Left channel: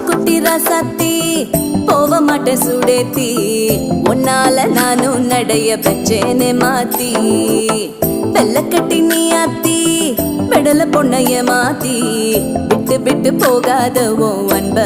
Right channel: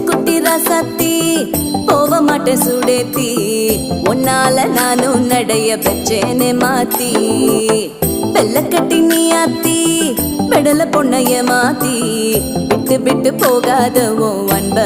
குட்டி ராசாத்தி போக மாட்டேன் சுடேத்தி உன்னால நானும் நடைய பெற்றேனே மாத்தி வெள்ள கட்டி நீ ஆத்தி பெடல பொண்ணைய மாத்தி விட்டு விட்டு போகாத உன் அன்ப